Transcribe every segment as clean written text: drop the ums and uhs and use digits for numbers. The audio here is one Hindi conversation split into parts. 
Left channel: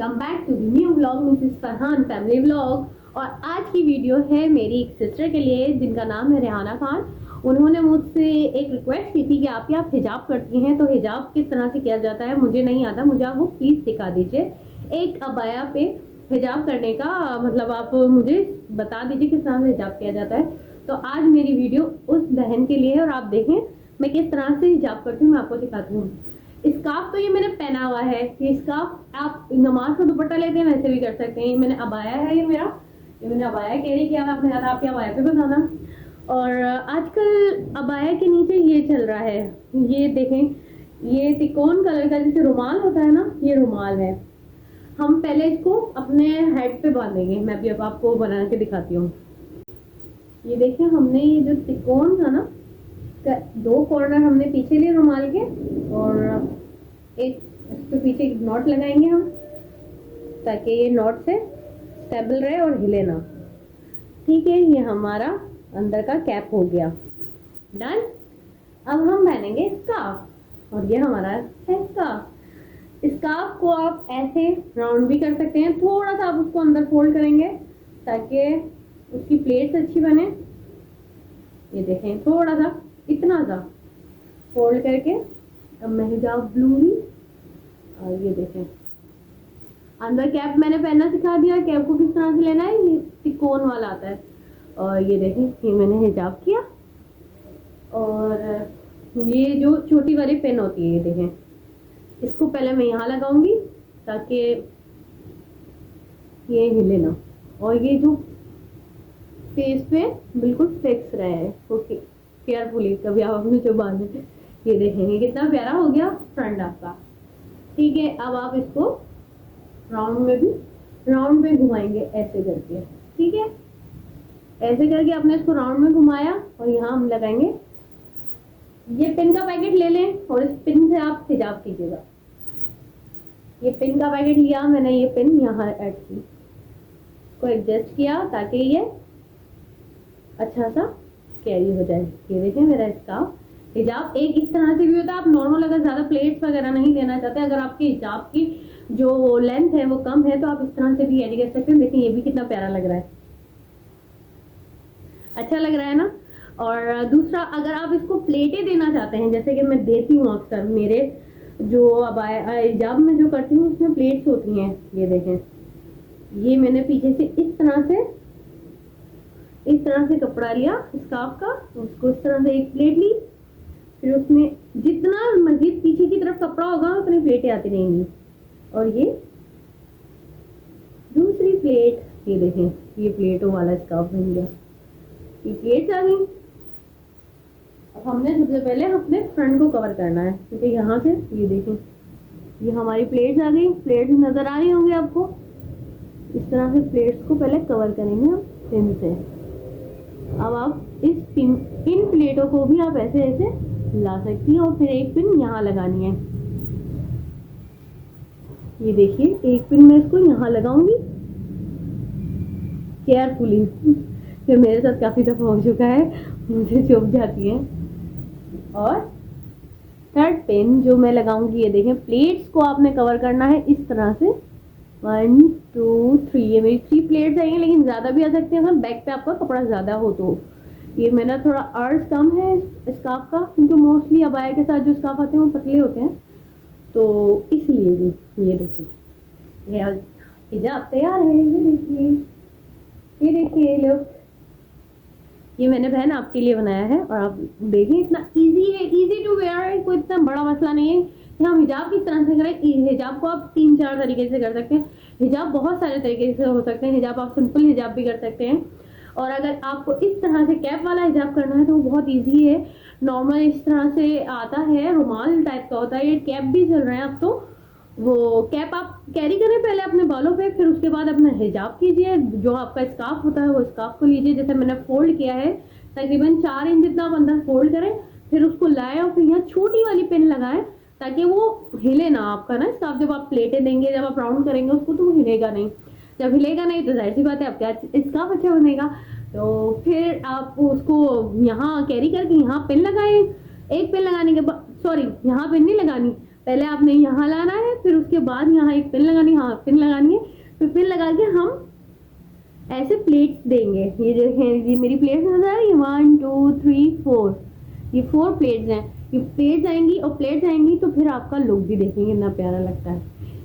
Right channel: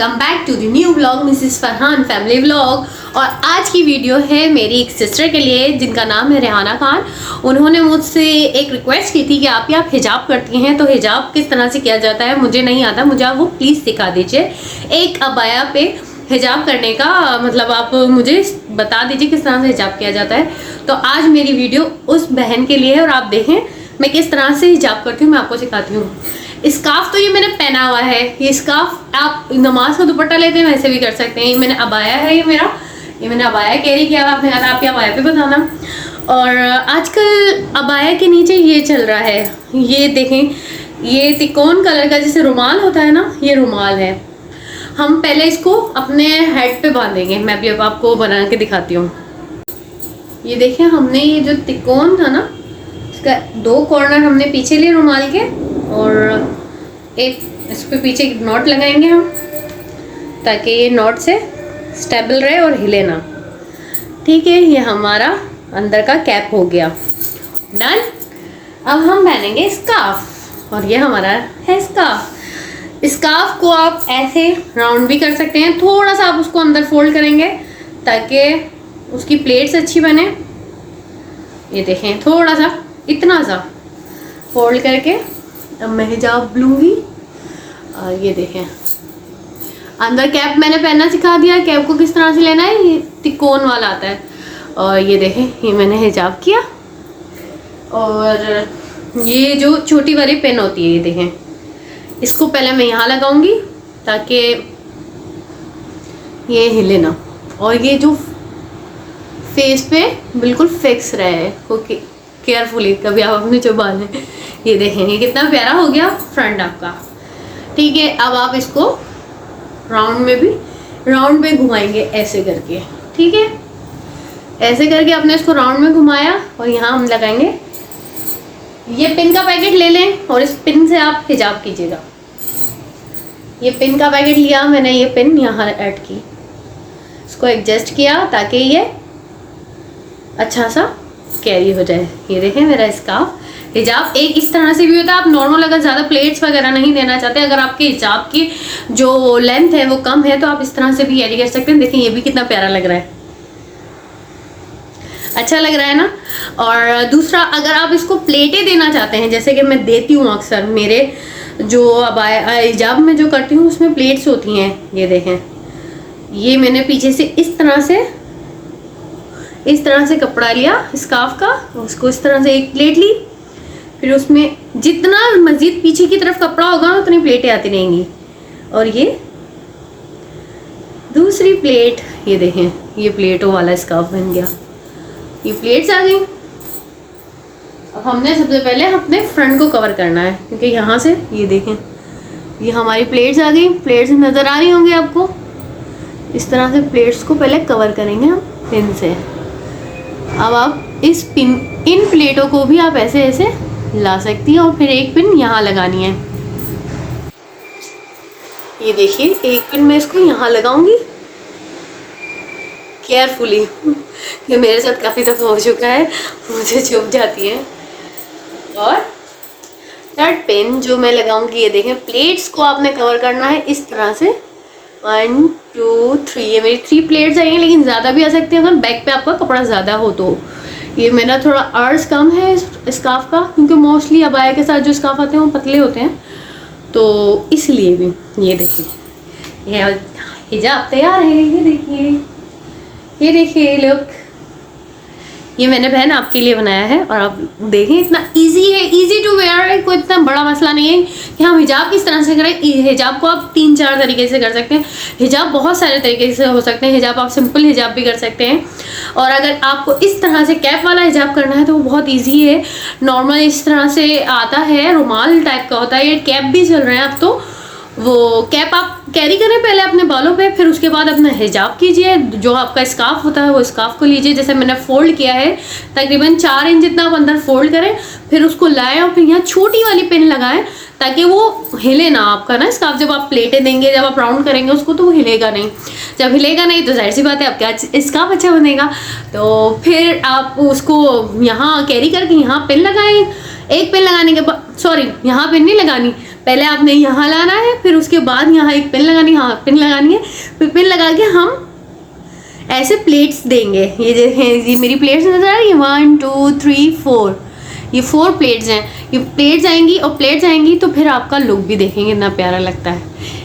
Welcome back to the new vlog Mrs Farhan family vlog. और आज की वीडियो है मेरी एक सिस्टर के लिए जिनका नाम है रेहाना खान। उन्होंने मुझसे एक रिक्वेस्ट की थी कि आप हिजाब करती हैं तो हिजाब किस तरह से किया जाता है, मुझे नहीं आता, मुझे आप वो प्लीज़ सिखा दीजिए। एक अबाया पे हिजाब करने का मतलब आप मुझे बता दीजिए किस तरह से हिजाब किया जाता है। तो आज मेरी वीडियो उस बहन के लिए है और आप देखें मैं किस तरह से हिजाब करती हूँ, मैं आपको सिखाती हूँ। स्कार्फ तो ये मैंने पहना हुआ है, ये स्कार्फ आप नमाज का दुपट्टा लेते हैं वैसे भी कर सकते हैं। ये मैंने अबाया है, ये मैंने अबाया कैरी किया हुआ, आपने कहा आप अबाया पे बताना। और आजकल अबाया के नीचे ये चल रहा है, ये देखें, ये तिकोन कलर का जैसे रुमाल होता है ना, ये रुमाल है। हम पहले इसको अपने हेड पे बांधेंगे, मैं भी अब आपको बना के दिखाती हूँ। ये देखें, हमने ये जो तिकोन था ना, इसका दो कॉर्नर हमने पीछे लिए रुमाल के और एक इस पे पीछे एक नॉट लगाएंगे हम, ताकि ये नॉट से स्टेबल रहे और हिले ना। ठीक है, ये हमारा अंदर का कैप हो गया, डन। अब हम पहनेंगे स्कार्फ और ये हमारा है स्कार्फ। स्कार्फ को आप ऐसे राउंड भी कर सकते हैं, थोड़ा सा आप उसको अंदर फोल्ड करेंगे ताकि उसकी प्लेट्स अच्छी बने। ये देखें, थोड़ा सा इतना सा फोल्ड करके अब मैं हिजाब लूँगी। और ये देखें, अंदर कैप मैंने पहनना सिखा दिया, कैप को किस तरह से लेना है, ये तिकोन वाला आता है। और ये देखें, ये मैंने हिजाब किया। और ये जो छोटी वाली पेन होती है, ये देखें, इसको पहले मैं यहाँ लगाऊंगी ताकि ये हिले ना, और ये जो फेस पे बिल्कुल फिक्स रहे। ओके, केयरफुली, कभी आप अपने जो बाल हैं, ये देखेंगे कितना प्यारा हो गया फ्रंट आपका। ठीक है, अब आप इसको राउंड में घुमाएंगे ऐसे करके। ठीक है, ऐसे करके आपने इसको राउंड में घुमाया और यहाँ हम लगाएंगे। ये पिन का पैकेट ले लें और इस पिन से आप हिजाब कीजिएगा। ये पिन का पैकेट लिया मैंने, ये पिन यहाँ ऐड की, इसको एडजस्ट किया ताकि ये अच्छा सा कैरी हो जाए। ये देखें मेरा स्कार्फ। हिजाब एक इस तरह से भी होता है, आप नॉर्मल अगर ज़्यादा प्लेट्स वगैरह नहीं देना चाहते, अगर आपके हिजाब की जो लेंथ है वो कम है, तो आप इस तरह से भी कैरी कर सकते हैं। देखिए, ये भी कितना प्यारा लग रहा है, अच्छा लग रहा है ना। और दूसरा, अगर आप इसको प्लेटें देना चाहते हैं, जैसे कि मैं देती हूँ अक्सर, मेरे जो अब हिजाब में जो करती हूँ उसमें प्लेट्स होती हैं। ये देखें, ये मैंने पीछे से इस तरह से कपड़ा लिया स्कार्फ का, उसको इस तरह से एक प्लेट ली, फिर उसमें जितना मज़ीद पीछे की तरफ कपड़ा होगा उतनी प्लेटें आती रहेंगी। और ये दूसरी प्लेट, ये देखें, ये प्लेटों वाला स्कार्फ बन गया, ये प्लेट्स आ गई। अब हमने सबसे पहले अपने फ्रंट को कवर करना है, क्योंकि यहाँ से ये देखें, ये हमारी प्लेट्स आ गई। प्लेट्स नज़र आ रही होंगी आपको, इस तरह से प्लेट्स को पहले कवर करेंगे हम पिन से। अब आप इन प्लेटों को भी आप ऐसे ऐसे ला सकती हैं और फिर एक पिन यहाँ लगानी है। ये देखिए, एक पिन मैं इसको यहाँ लगाऊंगी केयरफुली, ये मेरे साथ काफ़ी दफ़ा हो चुका है, मुझे चुभ जाती है। और थर्ड पिन जो मैं लगाऊंगी, ये देखें, प्लेट्स को आपने कवर करना है इस तरह से। 1 2 3, ये मेरी 3 प्लेट्स आई हैं, लेकिन ज़्यादा भी आ सकती हैं अगर बैक पे आपका कपड़ा ज़्यादा हो तो। ये मेरा थोड़ा अर्ज कम है स्कार्फ का, क्योंकि मोस्टली अबाया के साथ जो स्कार्फ आते हैं वो पतले होते हैं, तो इसलिए भी। ये देखिए, ये हिजाब तैयार है। ये देखिए लुक, ये मैंने बहन आपके लिए बनाया है। और आप देखें, इतना इजी है, इजी टू वेयर है, कोई इतना बड़ा मसला नहीं है कि हम हिजाब किस तरह से करें। हिजाब को आप 3-4 तरीके से कर सकते हैं, हिजाब बहुत सारे तरीके से हो सकते हैं। हिजाब आप सिंपल हिजाब भी कर सकते हैं, और अगर आपको इस तरह से कैप वाला हिजाब करना है तो वो बहुत ईजी है। नॉर्मल इस तरह से आता है, रुमाल टाइप का होता है, ये कैप भी चल रहे हैं अब तो। वो कैप आप कैरी करें पहले अपने बालों पे, फिर उसके बाद अपना हिजाब कीजिए। जो आपका स्कार्फ होता है वो स्कार्फ को लीजिए, जैसे मैंने फोल्ड किया है, तकरीबन 4 इंच जितना आप अंदर फोल्ड करें, फिर उसको लाएं और फिर यहाँ छोटी वाली पिन लगाएं ताकि वो हिले ना आपका ना स्कार्फ। जब आप प्लेटें देंगे, जब आप राउंड करेंगे उसको, तो वो हिलेगा नहीं। जब हिलेगा नहीं तो जाहिर सी बात है आपका स्कार्फ अच्छा बनेगा। तो फिर आप उसको यहाँ कैरी करके यहाँ पिन लगाएं। एक पिन लगाने के बाद, सॉरी, यहाँ पिन नहीं लगानी, पहले आपने यहाँ लाना है, फिर उसके बाद यहाँ एक पिन लगानी है, हाँ पिन लगानी है, फिर पिन लगा के हम ऐसे प्लेट्स देंगे। ये देखें, ये मेरी प्लेट्स नजर आ रही है, 1 2 3 4, ये 4 प्लेट्स हैं। ये प्लेट्स आएंगी और प्लेट्स आएंगी तो फिर आपका लुक भी देखेंगे कितना प्यारा लगता है।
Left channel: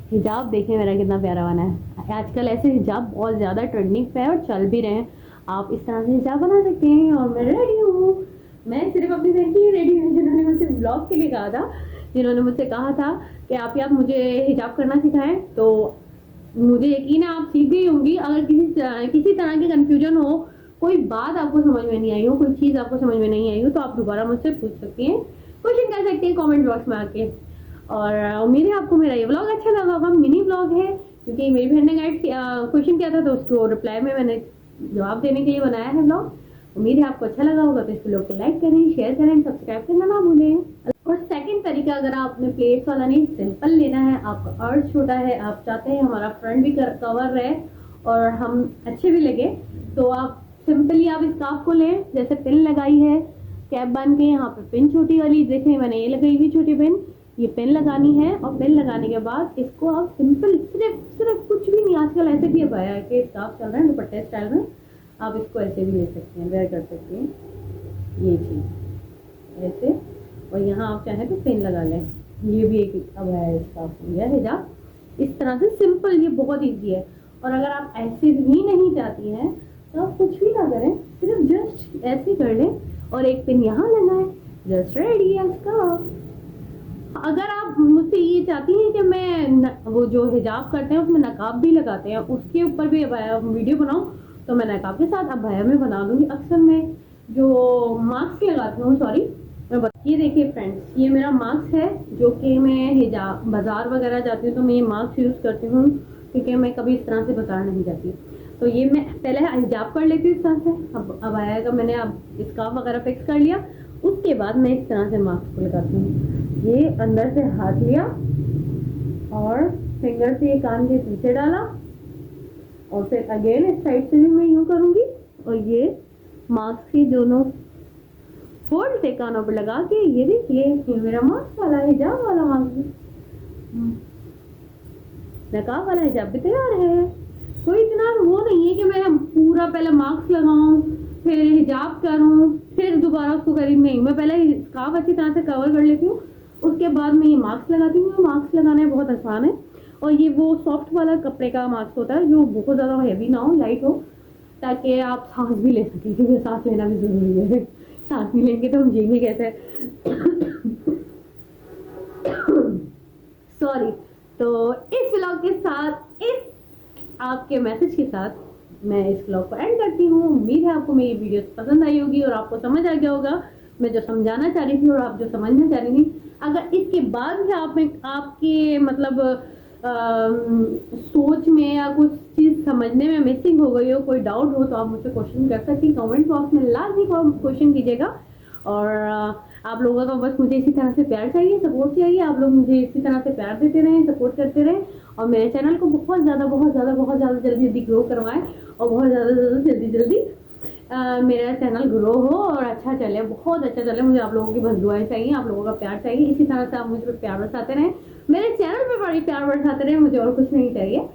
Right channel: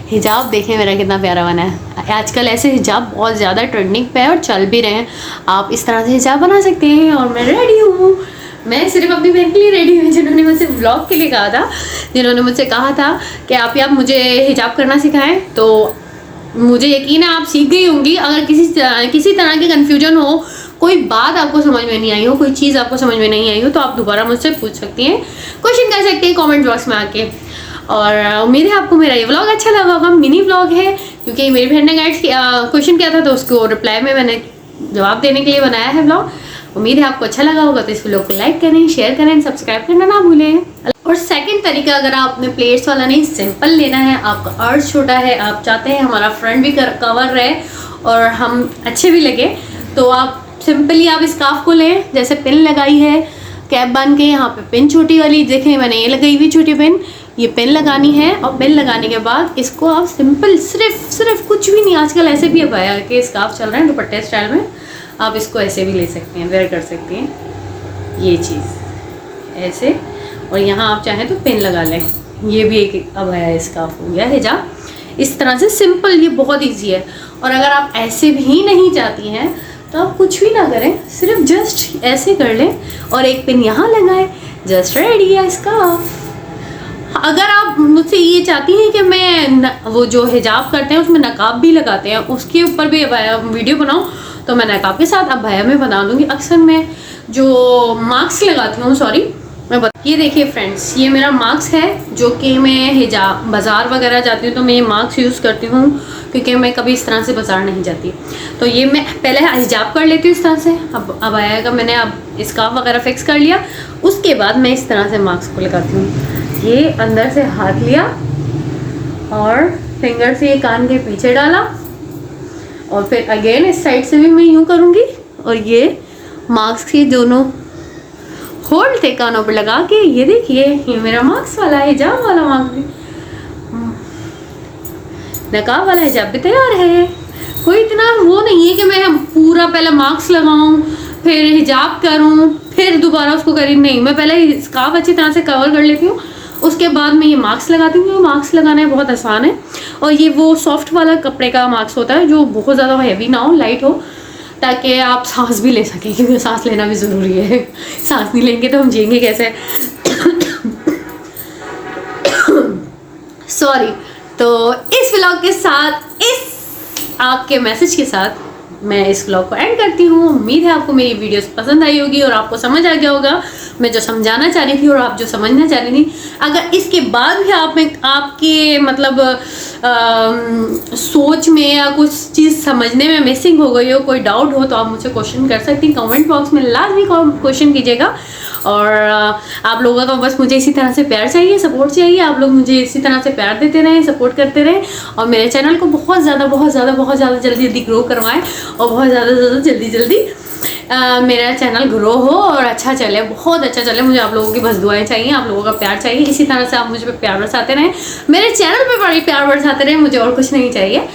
हिजाब देखें मेरा कितना प्यारा बना है। आजकल ऐसे हिजाब बहुत ज़्यादा ट्रेंडिंग पे है और चल भी रहे हैं। आप इस तरह से हिजाब बना सकते हैं। और मैं रेडी हूँ, मैं सिर्फ अपनी बहन के लिए रेडी हूँ, जिन्होंने मुझसे व्लॉग के लिए कहा था, जिन्होंने मुझसे कहा था कि आप मुझे हिजाब करना सिखाएं। तो मुझे यकीन है आप सीख गई होंगी। अगर किसी तरह की कन्फ्यूजन हो, कोई बात आपको समझ में नहीं आई हो, कोई चीज़ आपको समझ में नहीं आई हो, तो आप दोबारा मुझसे पूछ सकती हैं, क्वेश्चन कर सकते हैं कमेंट बॉक्स में आके। और उम्मीद है आपको मेरा ये व्लॉग अच्छा लगा होगा। मिनी व्लॉग है क्योंकि मेरी बहन ने क्वेश्चन किया था, तो उसको रिप्लाई में मैंने जवाब देने के लिए बनाया है व्लॉग। उम्मीद है आपको अच्छा लगा होगा। तो इस व्लॉग को लाइक करें, शेयर करें, सब्सक्राइब करना ना भूलें। और सेकंड तरीका, अगर आप अपने प्लेट्स वाला नहीं सिंपल लेना है, आपका अर्ज छोटा है, आप चाहते हैं हमारा फ्रंट भी कवर रहे और हम अच्छे भी लगे, तो आप सिंपली आप स्कार्फ को लें, जैसे पिन लगाई है कैप बांध के, यहाँ पे पिन छोटी वाली देखें मैंने ये लगाई हुई छोटी पिन, ये पिन लगानी है। और पिन लगाने के बाद इसको आप सिंपल सिर्फ कुछ भी नहीं, आजकल ऐसे भी अब आया कि स्कार्फ चल रहे हैं दुपट्टे स्टाइल में, आप इसको ऐसे भी ले सकते हैं, वेयर कर सकते हैं ये चीज़ ऐसे। और यहाँ आप चाहें तो पिन लगा लें। ये भी एक अब आया स्कार्फ हो गया हिजाब, इस तरह से सिंपल, ये बहुत ईजी है। और अगर आप ऐसे भी नहीं चाहती हैं तो आप कुछ भी ना करें, सिर्फ जस्ट ऐसे कर लें और एक पिन यहाँ लगाएं, जस्ट रेडी है स्कार्फ। अगर आप मुझसे ये चाहती हैं कि मैं वो जो हिजाब करते हैं उसमें नकाब भी लगाते हैं, उसके ऊपर भी वीडियो बनाऊं, तो मैं नकाब के साथ अबाया में बना दूंगी। अक्सर मैं जो मास्क लगाती हूँ, सॉरी ये देखिए फ्रेंड्स, ये मेरा मास्क है जो कि मैं हिजाब बाज़ार वगैरह जाती हूँ तो मैं ये मास्क यूज़ करती हूँ, क्योंकि मैं कभी इस तरह से बाज़ार नहीं जाती। तो ये मैं पहले हिजाब कर लेती हूँ इस तरह से। अब आया का मैंने अब स्कार्फ वगैरह फिक्स कर लिया, उसके बाद मैं इस तरह से मास्क को लगाती हूँ। ये अंदर से हाथ लिया और फिंगर से ये कान के पीछे डाला, और फिर अगेन इस साइड से भी मैं यूँ करूँगी, और ये मास्क के दोनों होल्ड थे कानों पर लगा के। ये देखिए, ये मेरा मास्क वाला हिजाब वाला मास्क भी, नकाब वाला हिजाब भी तैयार है। कोई इतना वो नहीं है कि मैं पूरा पहले मास्क लगाऊं, फिर हिजाब करूं, फिर दोबारा उसको करी, नहीं, मैं पहले स्कार्फ अच्छी तरह से कवर कर लेती हूँ, उसके बाद मैं ये मास्क लगाती हूँ। मास्क लगाना बहुत आसान है, और ये वो सॉफ्ट वाला कपड़े का मास्क होता है जो बहुत ज़्यादा हैवी ना हो, लाइट हो, ताकि आप सांस भी ले सकें, क्योंकि सांस लेना भी ज़रूरी है। सांस नहीं लेंगे तो हम जिएंगे कैसे। सॉरी। तो इस व्लॉग के साथ, इस आपके मैसेज के साथ मैं इस व्लॉग को एंड करती हूँ। उम्मीद है आपको मेरी वीडियोस पसंद आई होगी और आपको समझ आ गया होगा मैं जो समझाना चाह रही थी और आप जो समझना चाह रही थी। अगर इसके बाद भी आप में आपके मतलब सोच में या कुछ चीज़ समझने में मिसिंग हो गई हो, कोई डाउट हो, तो आप मुझसे क्वेश्चन कर सकती हैं कमेंट बॉक्स में, लाजमी क्वेश्चन कीजिएगा। और आप लोगों का बस मुझे इसी तरह से प्यार चाहिए, सपोर्ट चाहिए। आप लोग मुझे इसी तरह से प्यार देते रहें, सपोर्ट करते रहें, और मेरे चैनल को बहुत ज़्यादा जल्दी ग्रो करवाएं, और बहुत ज़्यादा जल्दी मेरा चैनल ग्रो हो और अच्छा चले, बहुत अच्छा चले। मुझे आप लोगों की बस दुआएं चाहिए, आप लोगों का प्यार चाहिए। इसी तरह से आप मुझे प्यार बरसाते रहें, मेरे चैनल पे बड़ी प्यार बरसाते रहें, मुझे और कुछ नहीं चाहिए।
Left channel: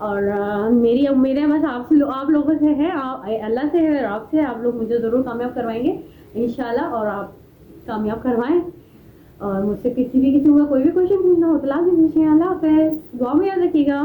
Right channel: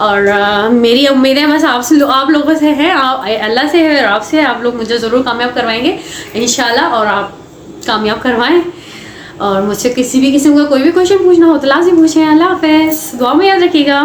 और मेरी उम्मीदें बस आपसे, आप लोगों से है, अल्लाह से है और आपसे। आप लोग मुझे ज़रूर कामयाब करवाएंगे इंशाल्लाह, और आप कामयाब करवाएं। और मुझसे किसी भी किस्म का कोई भी क्वेश्चन पूछना हो तो लाज़िम पूछें। अल्लाह हाफ़िज़, दुआ में याद रखिएगा।